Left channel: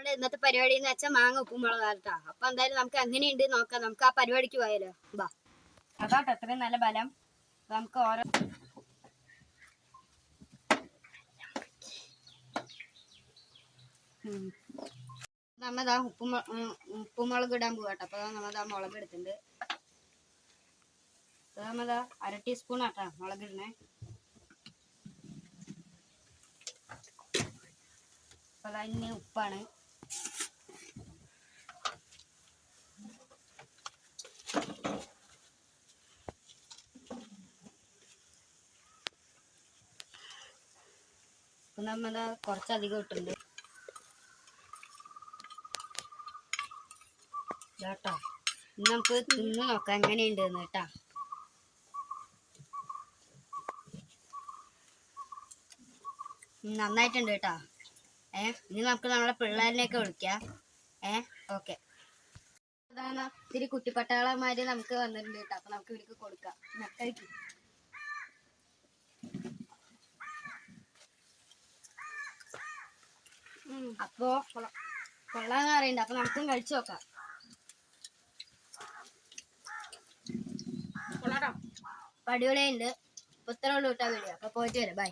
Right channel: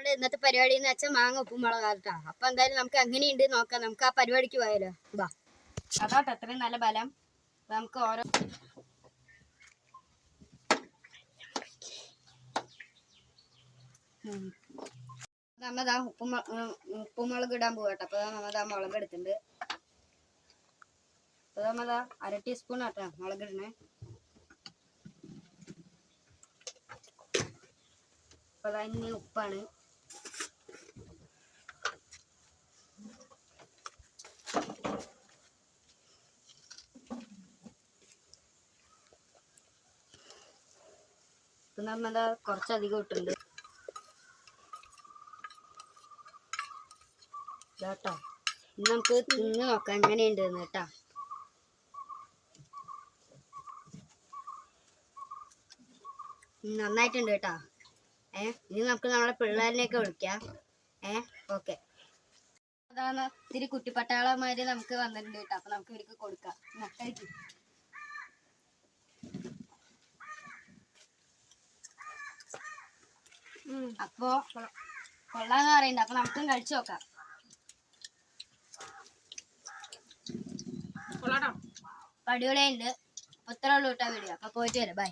നമ്മുടെ ഇന്നത്തെ പരിപാടി എന്ന് വെച്ചാൽ മാങ്ങ ഉപ്പും മുളകാട്ടാ. അപ്പൊ എന്തായാലും നമുക്ക് എങ്ങനെയുണ്ട് നോക്കാം. നമുക്ക് ആ പരിപാടിക്ക് പോയാലോ. ബാ അതാട്ടോ അത്രയും നല്ല ബലം. നമുക്ക് ഓരോ നമ്മതാ ഉപ്പുമുളക് ഇടാൻ പോവാട്ടോ. അപ്പൊ നമ്മതാ മുളക് എടുത്തിട്ടുണ്ട്. അപ്പൊ നമ്മതാ 1/2 ടീസ്പൂൺ ആട്ടാ മുളക് ഇടണേ. അപ്പൊ ഇനി ഉപ്പാണ്. ഇപ്പൊ നമ്മതാ കുറച്ചധികം ഇട്ടുണ്ട് കേട്ടോ. ഇനി നമുക്ക് തിന്ന് നോക്കാം എങ്ങനെയുണ്ട് കേട്ടാ. നന്നായിട്ടുണ്ട് കേട്ടാ. ഇനി നമുക്ക് നമ്മളെ പിള്ളേരിനെയൊക്കെ വിളിക്കാം. ഓക്കെ. അതാണ് ഇത്തിരി കുട്ടിപ്പട്ടാളമാര് നമുക്ക് വന്നിട്ടുണ്ട് കേട്ടോ. അപ്പൊ നമുക്ക് ഇവർക്ക് കൊടുക്കാം. കഴിക്കും. അപ്പോ കൊള്ളാന്ന് പറയണ്ട. അപ്പൊ നമുക്കും കഴിച്ചു നോക്കാം. അടിപൊളിയുണ്ട്. ഇത്ര ഉള്ളൂ കേട്ടോ വീഡിയോ. അപ്പൊ പോയിട്ട് വരാം. ബൈ.